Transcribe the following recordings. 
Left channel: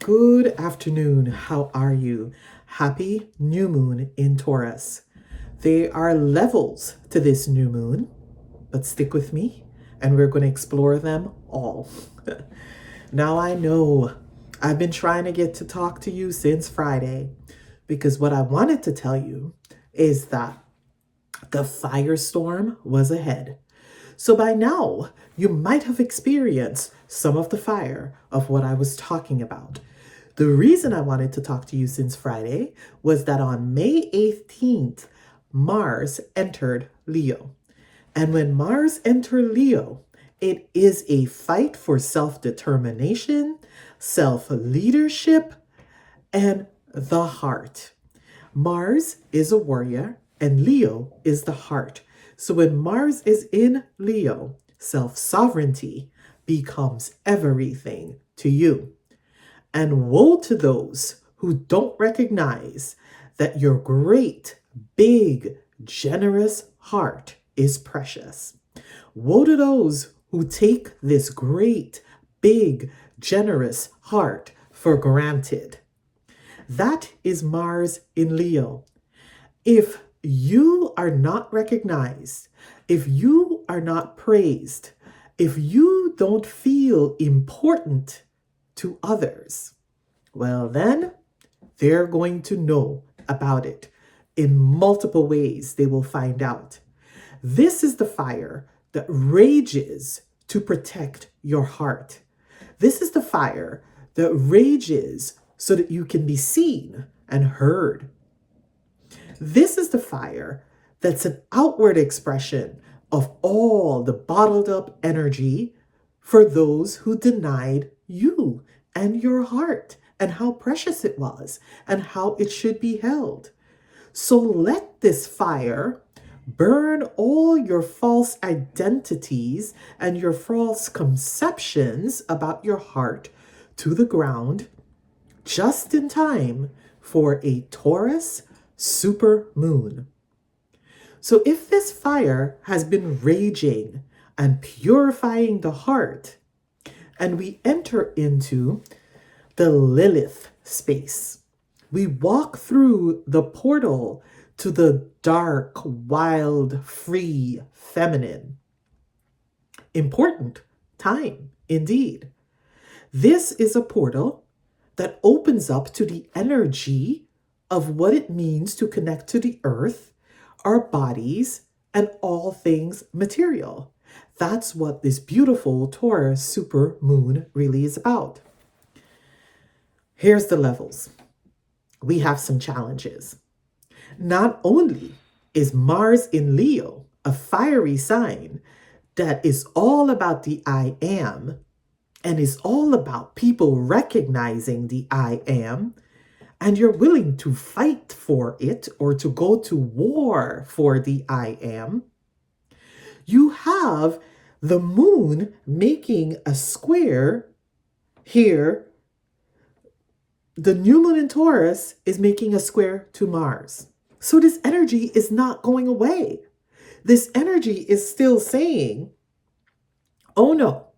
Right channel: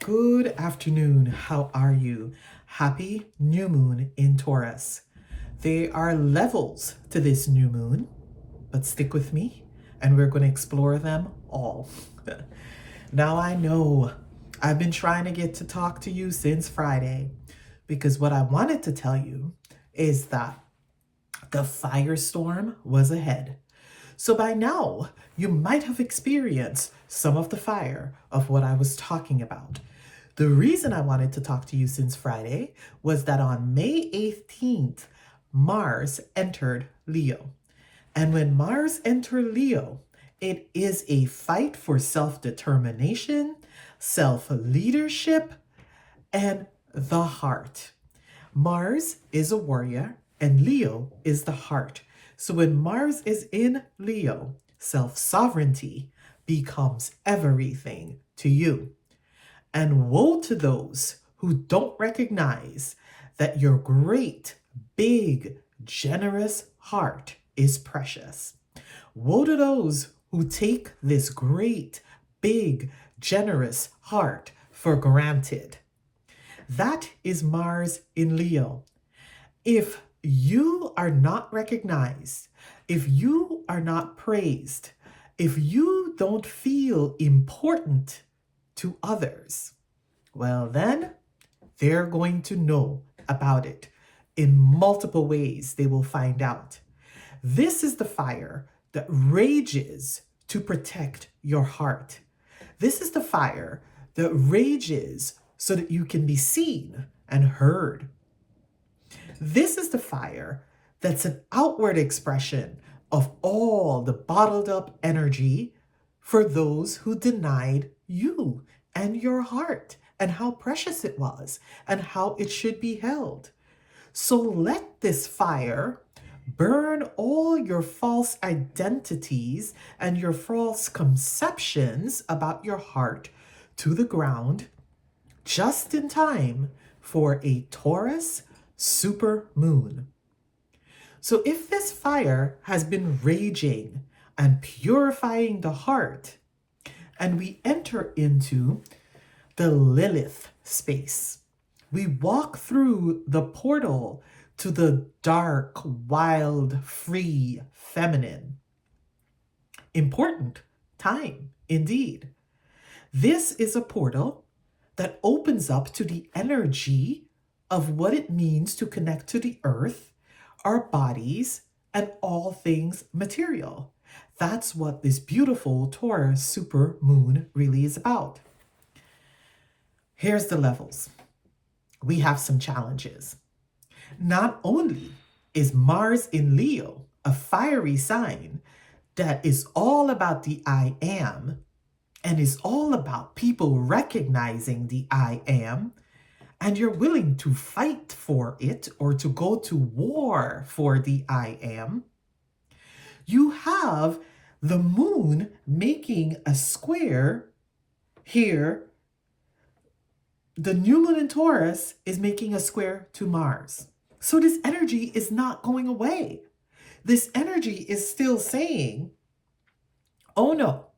Good afternoon. How are you? Happy new moon in Taurus. There are levels to this new moon, but stick with me and we're going to explore them all. Now I know I've been trying to get to talk to you since Friday because what I wanted to tell you is that the firestorm was ahead. So by now, you might have experienced some of the fire of what I was talking about. The reason I wanted to talk to you since Friday was that on May 18th, Mars entered Leo. And when Mars entered Leo, it is a fight for self-determination, self-leadership, and the heart. Mars is a warrior and Leo is the heart. So when Mars is in Leo, self-sovereignty becomes everything to you. And woe to those who don't recognize that your great, big, generous heart is precious. Woe to those who take this great, big, generous heart for granted. That is Mars in Leo. If you are not recognized, if you are not praised, if you don't feel important to others, well then they're going to know about it in multiple ways. They will find out. This is the fire that rages to protect your heart. This is the fire that rages so that you can be seen and heard. This is the fire that's an outward expression of all the bottled up energy for those who denied you and your heart and how precious it was and how it should be held. So let this fire burn all your false identities and your false conceptions about your heart to the ground just in time for a Taurus supermoon. So if this fire has been raging and purifying the heart, and we enter into the Lilith space, we walk through the portal to the dark, wild, free, feminine. Important time indeed. This is a portal that opens up to the energy of what it means to connect to the earth, our bodies, and all things material. That's what this beautiful Taurus super moon really is about. Here's the levels. We have some challenges. Not only is Mars in Leo a fiery sign that is all about the I am and is all about people recognizing the I am, and you're willing to fight for it or to go to war for the I am, you have the moon making a square here. The new moon in Taurus is making a square to Mars. So this energy is not going away. This energy is still saying, oh no,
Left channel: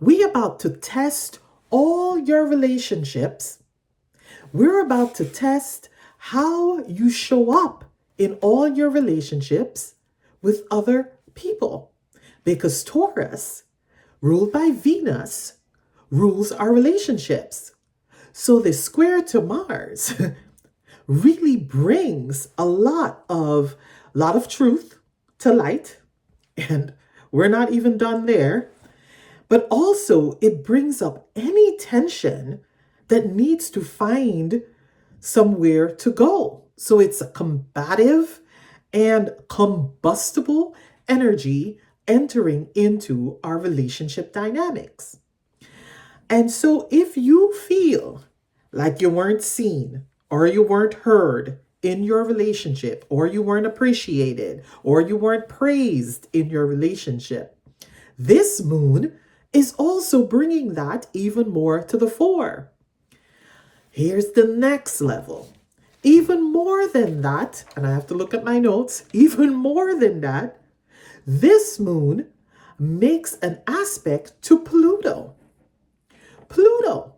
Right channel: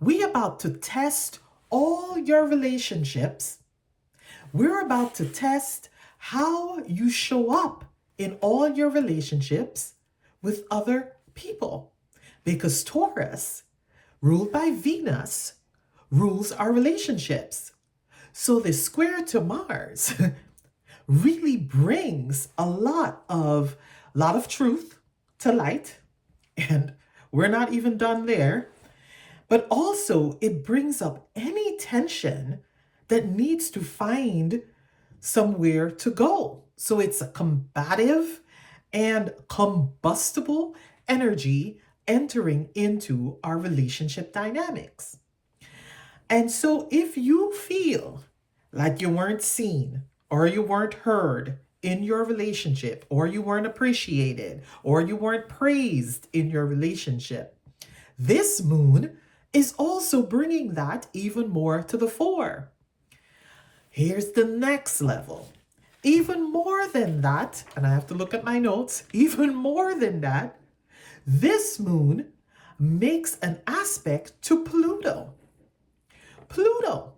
we about to test all your relationships. We're about to test how you show up in all your relationships with other people. Because Taurus, ruled by Venus, rules our relationships. So this square to Mars really brings a lot of truth to light. And we're not even done there. But also it brings up any tension that needs to find somewhere to go. So it's a combative and combustible energy entering into our relationship dynamics. And so if you feel like you weren't seen or you weren't heard in your relationship, or you weren't appreciated, or you weren't praised in your relationship, this moon is also bringing that even more to the fore. Here's the next level. Even more than that, and I have to look at my notes, even more than that, this moon makes an aspect to Pluto. Pluto.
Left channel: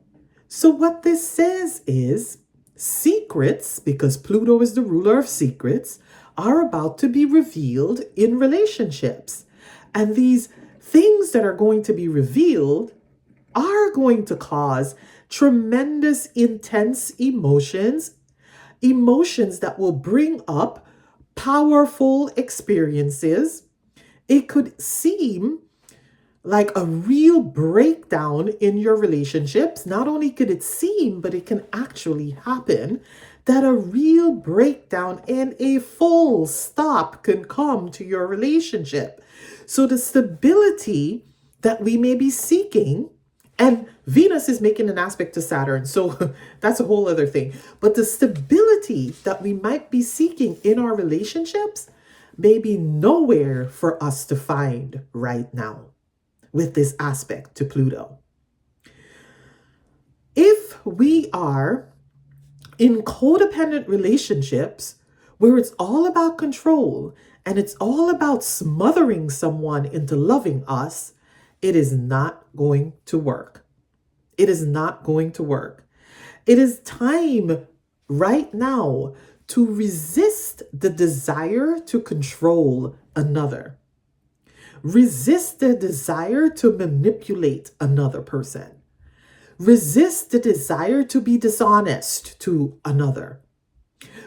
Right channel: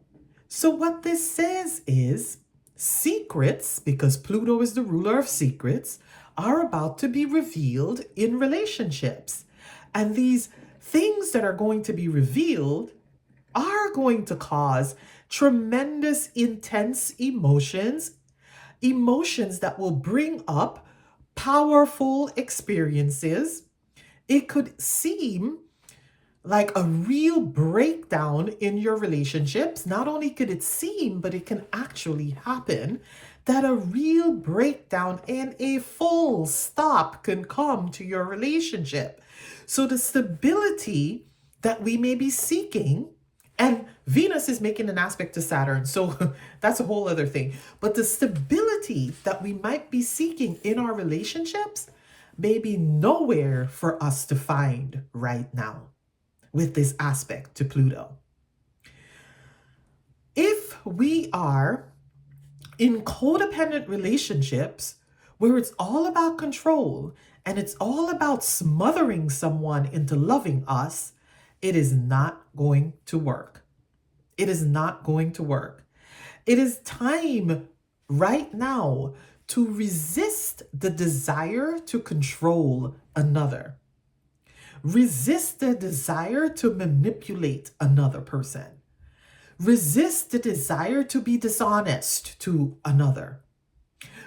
So what this says is secrets, because Pluto is the ruler of secrets, are about to be revealed in relationships. And these things that are going to be revealed are going to cause tremendous, intense emotions, emotions that will bring up powerful experiences. It could seem like a real breakdown in your relationships. Not only could it seem, but it can actually happen that a real breakdown and a full stop can come to your relationship. So the stability that we may be seeking, and Venus is making an aspect to Saturn, so that's a whole other thing. But the stability that we might be seeking in our relationships may be nowhere for us to find right now with this aspect to Pluto. If we are in codependent relationships where it's all about control and it's all about smothering someone into loving us, it is not going to work. It is not going to work. It is time right now to resist the desire to control another. Resist the desire to manipulate another person. Resist the desire to be dishonest to another.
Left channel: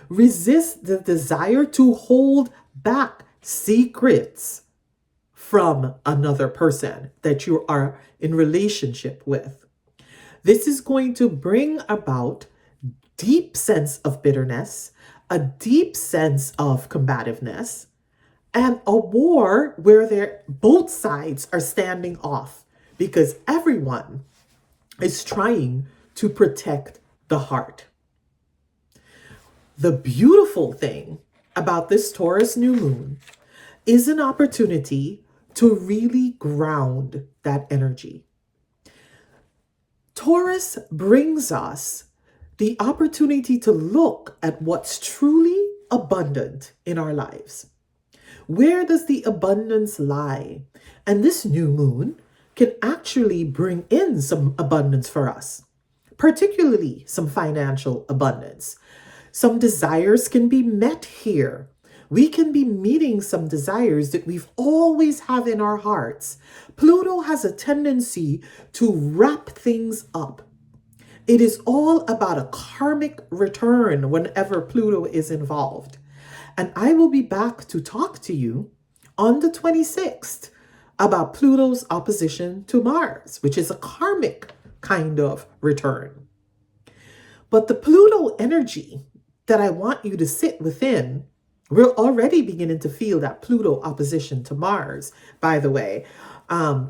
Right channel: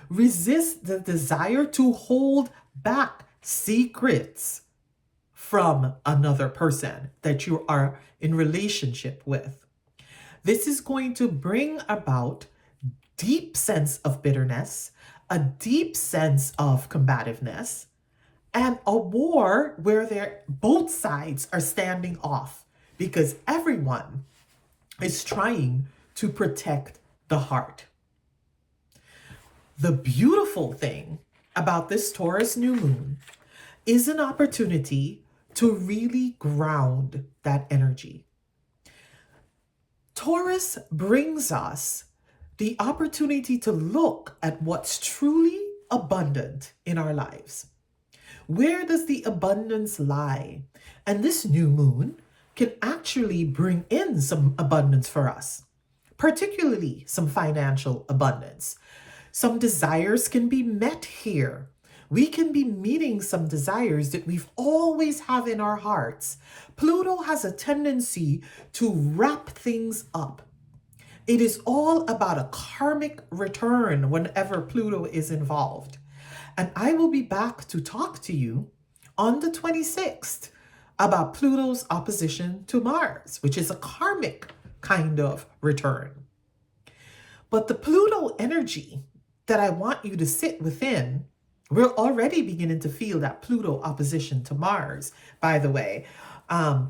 Resist the desire to hold back secrets from another person that you are in relationship with. This is going to bring about deep sense of bitterness, a deep sense of combativeness, and a war where both sides are standing off because everyone is trying to protect the heart. The beautiful thing about this Taurus new moon is an opportunity to really ground that energy. Taurus brings us the opportunity to look at what's truly abundant in our lives. Where does the abundance lie? And this new moon can actually bring in some abundance for us, particularly some financial abundance. Some desires can be met here. We can be meeting some desires that we've always have in our hearts. Pluto has a tendency to wrap things up. It is all about a karmic return whenever Pluto is involved. And I will be back to talk to you on the 26th about Pluto's opposition to Mars, which is a karmic kind of return. But the Pluto energy that I want you to sit within, we're already beginning to feel that Pluto opposition to Mars, by the way,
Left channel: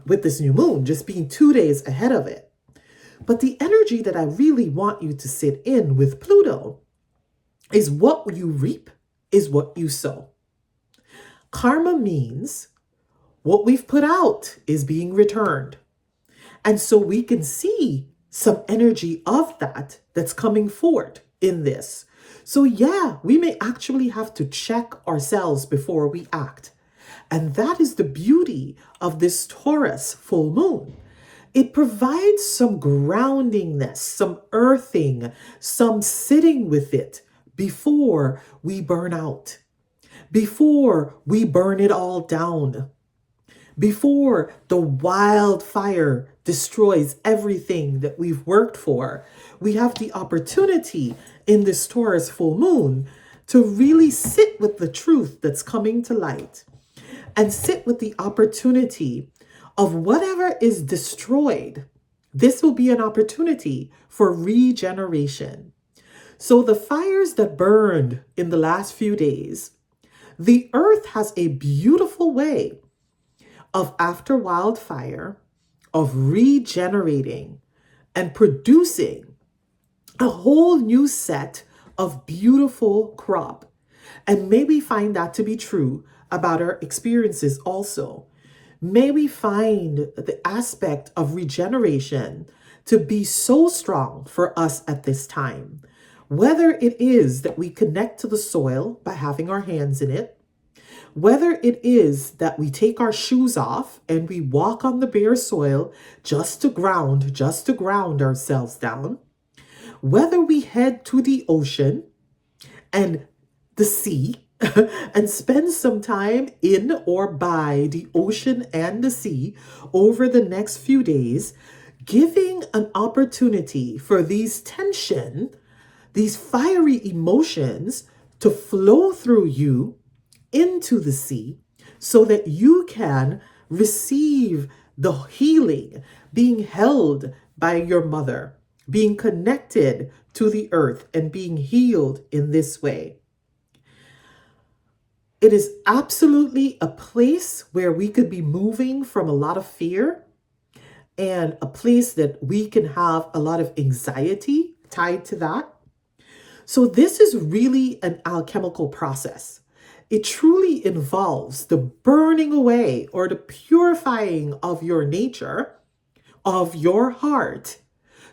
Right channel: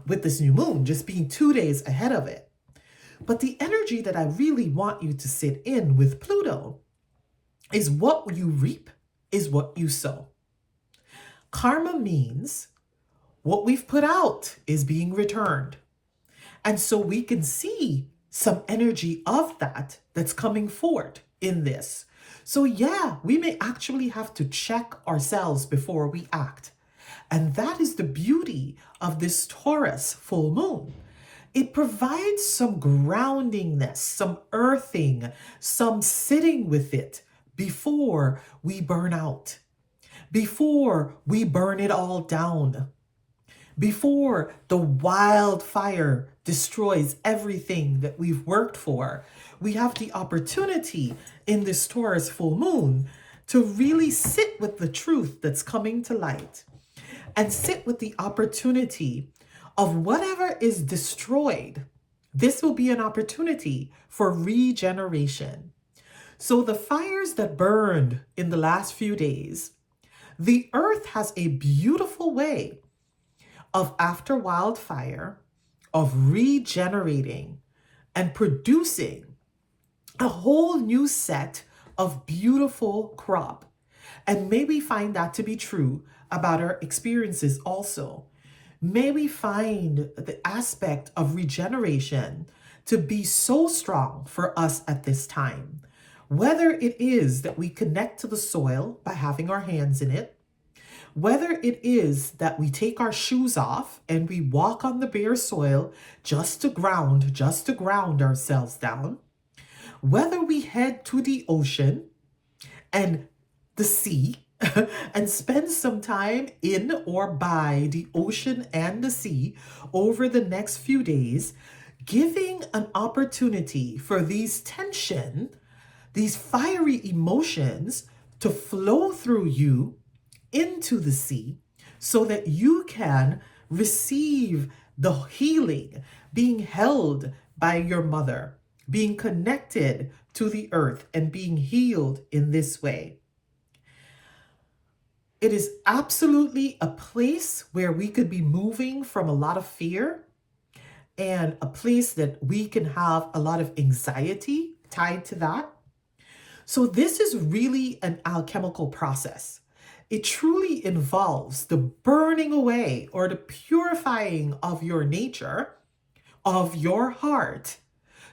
with this new moon just being 2 days ahead of it. But the energy that I really want you to sit in with Pluto is what you reap is what you sow. Karma means what we've put out is being returned. And so we can see some energy of that that's coming forward in this. So yeah, we may actually have to check ourselves before we act. And that is the beauty of this Taurus full moon. It provides some groundingness, some earthing, some sitting with it before we burn out, before we burn it all down, before the wildfire destroys everything that we've worked for. We have the opportunity in this Taurus full moon to really sit with the truth that's coming to light and sit with the opportunity of whatever is destroyed. This will be an opportunity for regeneration. So the fires that burned in the last few days, the earth has a beautiful way of, after wildfire, of regenerating and producing a whole new set of beautiful crop. And may we find that to be true about our experiences also. May we find the aspect of regeneration to be so strong for us at this time. Whether it is that we connect to the soil by having our hands in it, whether it is that we take our shoes off and we walk on the bare soil just to ground ourselves down, Whether we head to the ocean and the sea and spend some time in or by the ocean and the sea over the next few days, giving an opportunity for these tension, these fiery emotions to flow through you into the sea so that you can receive the healing, being held by your mother, being connected to the earth and being healed in this way. It is absolutely a place where we could be moving from a lot of fear and a place that we can have a lot of anxiety tied to that. So this is really an alchemical process. It truly involves the burning away or the purifying of your nature, of your heart,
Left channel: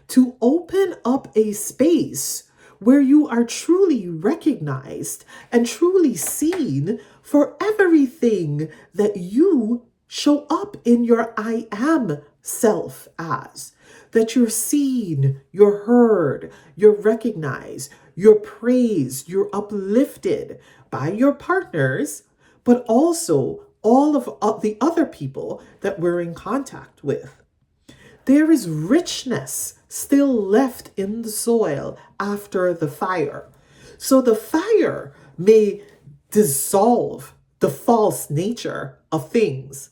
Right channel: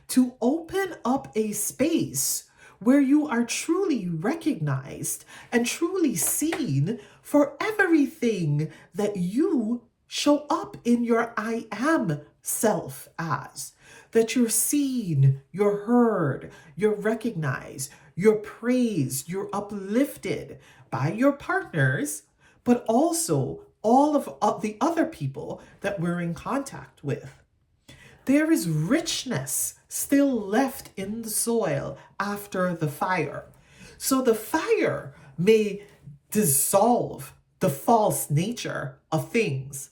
to open up a space where you are truly recognized and truly seen for everything that you show up in your I am self as. That you're seen, you're heard, you're recognized, you're praised, you're uplifted by your partners, but also all of the other people that we're in contact with. There is richness still left in the soil after the fire. So the fire may dissolve the false nature of things,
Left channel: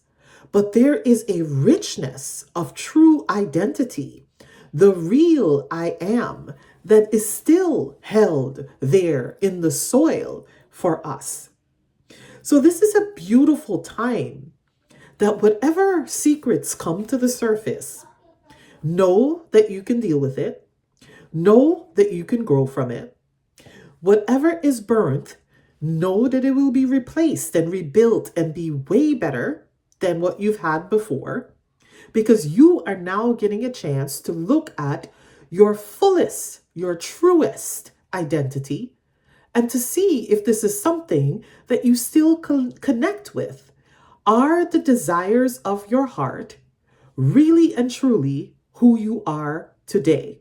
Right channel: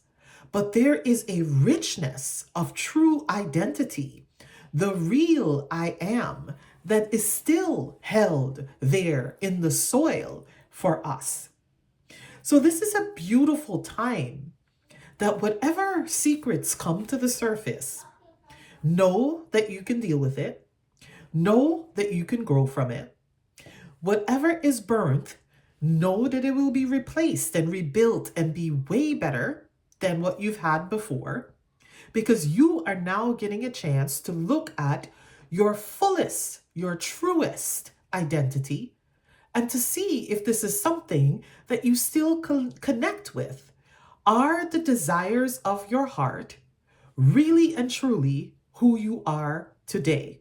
but there is a richness of true identity, the real I am, that is still held there in the soil for us. So this is a beautiful time that whatever secrets come to the surface, know that you can deal with it. Know that you can grow from it. Whatever is burnt, know that it will be replaced and rebuilt and be way better than what you've had before, because you are now getting a chance to look at your fullest, your truest identity and to see if this is something that you still connect with. Are the desires of your heart really and truly who you are today?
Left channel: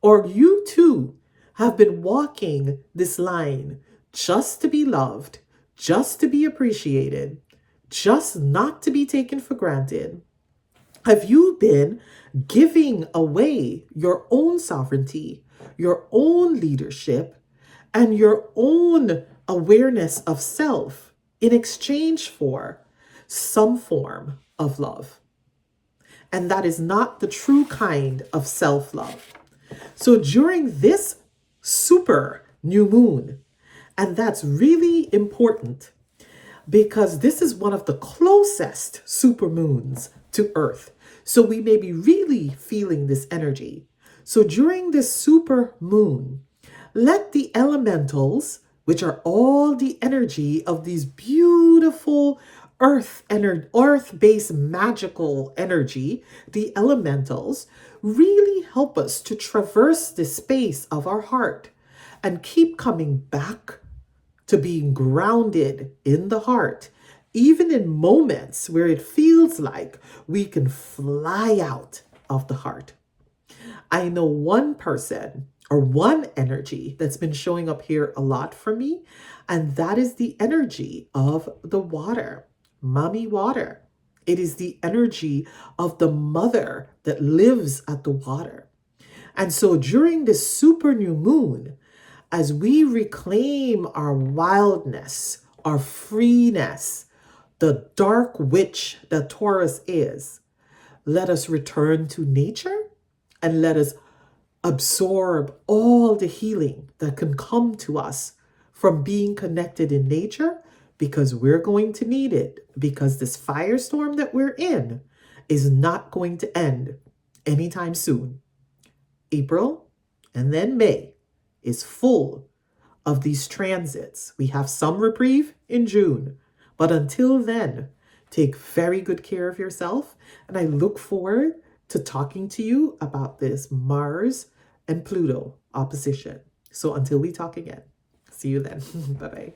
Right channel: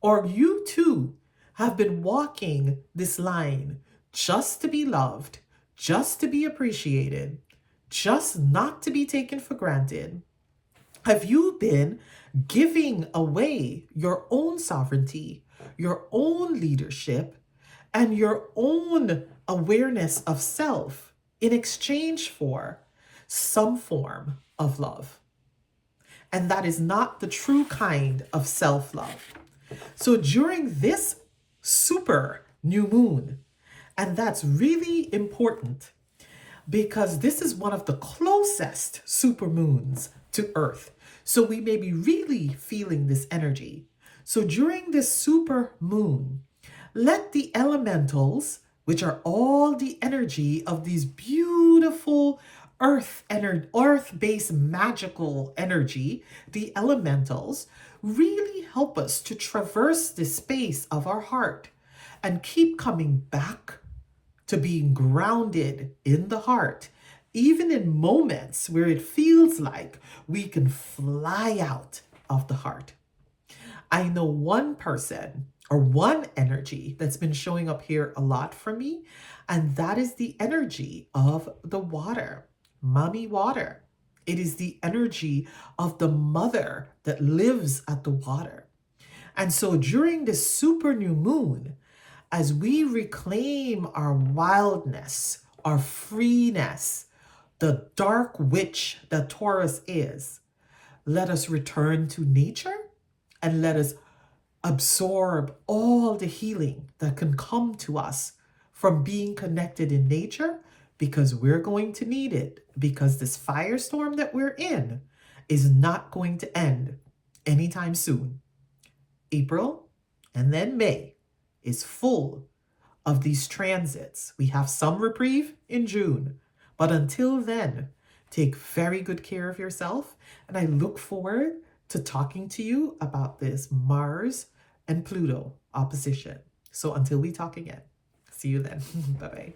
Or you too have been walking this line just to be loved, just to be appreciated, just not to be taken for granted? Have you been giving away your own sovereignty, your own leadership, and your own awareness of self in exchange for some form of love? And that is not the true kind of self-love. So during this super new moon, and that's really important because this is one of the closest supermoons to Earth. So we may be really feeling this energy. So during this super moon, let the elementals, which are all the energy of these beautiful earth-based magical energy, the elementals, really help us to traverse the space of our heart and keep coming back to being grounded in the heart, even in moments where it feels like we can fly out of the heart. I know one person or one energy that's been showing up here a lot for me, and that is the energy of the water, mommy water. It is the energy of the mother that lives at the water. And so during this super new moon, as we reclaim our wildness, our freeness, the dark witch that Taurus is, let us return to nature and let us absorb all the healing that can come to us from being connected in nature, because we're going to need it, because this firestorm that we're in is not going to end anytime soon. April and then May is full of these transits. We have some reprieve in June, but until then, take very good care of yourself. And I look forward to talking to you about this Mars and Pluto opposition. So until we talk again, see you then. Bye-bye.